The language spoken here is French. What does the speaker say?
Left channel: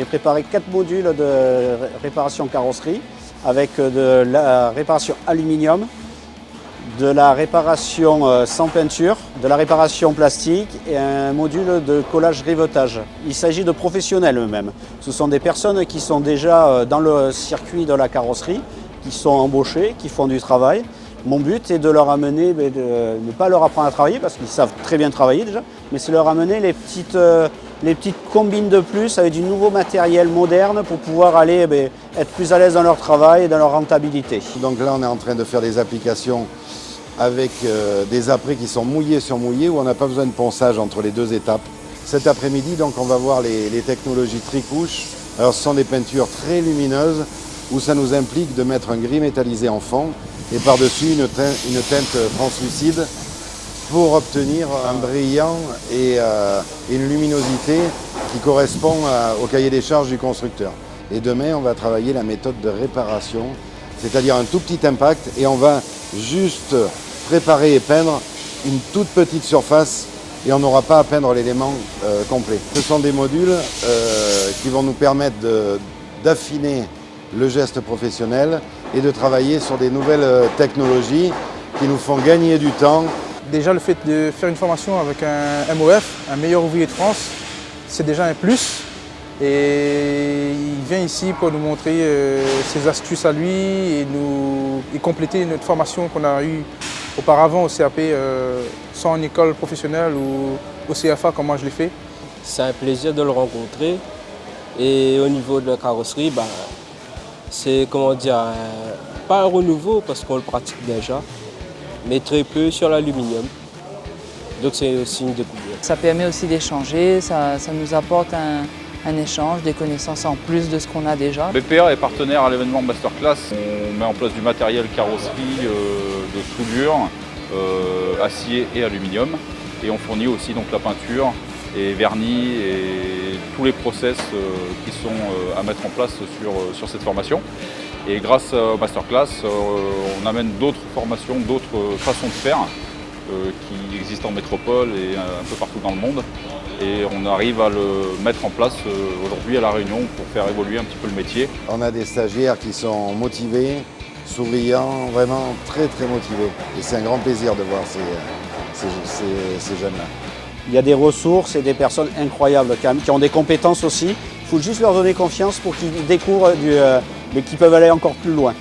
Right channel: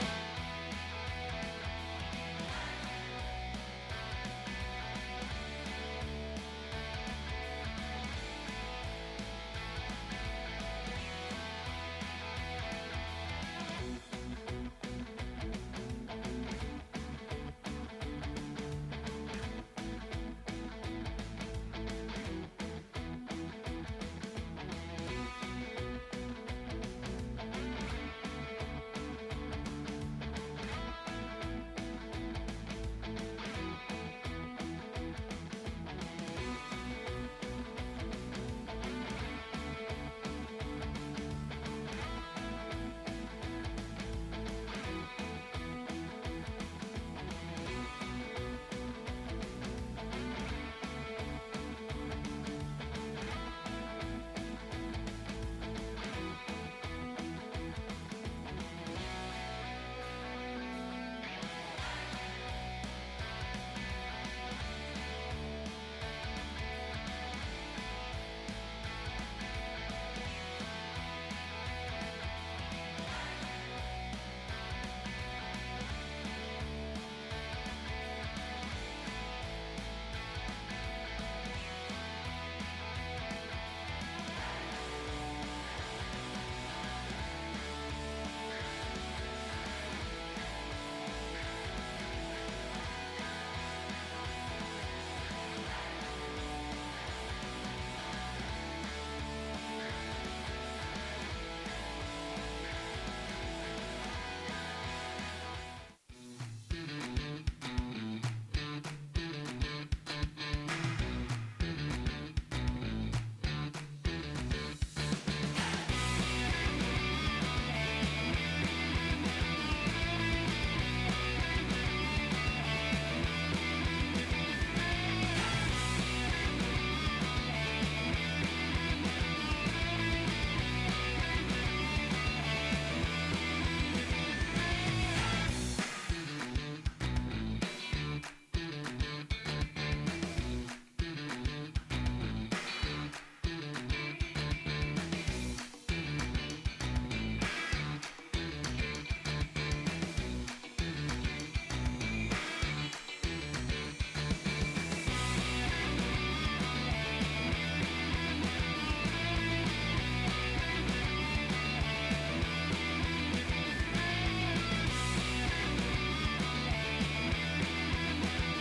J'ai préparé 4 modules de réparation carrosserie avec de la réparation aluminium, de la réparation sans peinture, de la réparation plastique et un module de collage-rivetage. Il s'agit de professionnels eux-mêmes. Ce sont des personnes qui sont déjà dans le circuit de la carrosserie, qui sont embauchées, qui font du travail. Mon but est de leur amener, de ne pas leur apprendre à travailler parce qu'ils savent très bien travailler déjà, mais c'est leur amener les petites combines de plus avec du nouveau matériel moderne pour pouvoir aller être plus à l'aise dans leur travail et dans leur rentabilité. Donc là on est en train de faire des applications avec des apprêts qui sont mouillés sur mouillés où on n'a pas besoin de ponçage entre les deux étapes. Cet après-midi donc on va voir les technologies tricouche. Alors ce sont des peintures très lumineuses où ça nous implique de mettre un gris métallisé en fond et par-dessus une teinte translucide pour obtenir un brillant et une luminosité qui correspond au cahier des charges du constructeur. Et demain, on va travailler la méthode de réparation, c'est-à-dire un tout petit impact et on va juste préparer et peindre une toute petite surface et on n'aura pas à peindre l'élément complet. Ce sont des modules qui vont nous permettre d'affiner le geste professionnel et de travailler sur des nouvelles technologies qui nous font gagner du temps. Déjà le fait de faire une formation avec un MOF, un meilleur ouvrier de France, c'est déjà un plus. Et il vient ici pour nous montrer ses astuces à lui et compléter notre formation qu'on a eue auparavant au CAP, soit en école professionnelle ou au CFA comme moi je l'ai fait. C'est un plaisir de le rencontrer. Et au niveau de la carrosserie, c'est pas un renouveau parce qu'on le pratique déjà, mais très peu sur l'aluminium. Donc c'est aussi une découverte. Ça permet aussi d'échanger, ça nous apporte un échange, des connaissances en plus de ce qu'on a déjà. BPA est partenaire à l'événement Masterclass. On met en place du matériel carrosserie, de soudure, acier et aluminium. Et on fournit aussi donc la peinture et vernis et tous les process qui sont à mettre en place sur cette formation. Et grâce au Masterclass, on amène d'autres formations, d'autres façons de faire qui existent en métropole et un peu partout dans le monde. Et on arrive à le mettre en place aujourd'hui à La Réunion pour faire évoluer un petit peu le métier. On a des stagiaires qui sont motivés, souriants, vraiment très très motivés. Et c'est un grand plaisir de voir ces jeunes-là. Il y a des ressources et des personnes incroyables qui ont des compétences aussi. Il faut juste leur donner confiance pour qu'ils découvrent et qu'ils peuvent aller encore plus loin.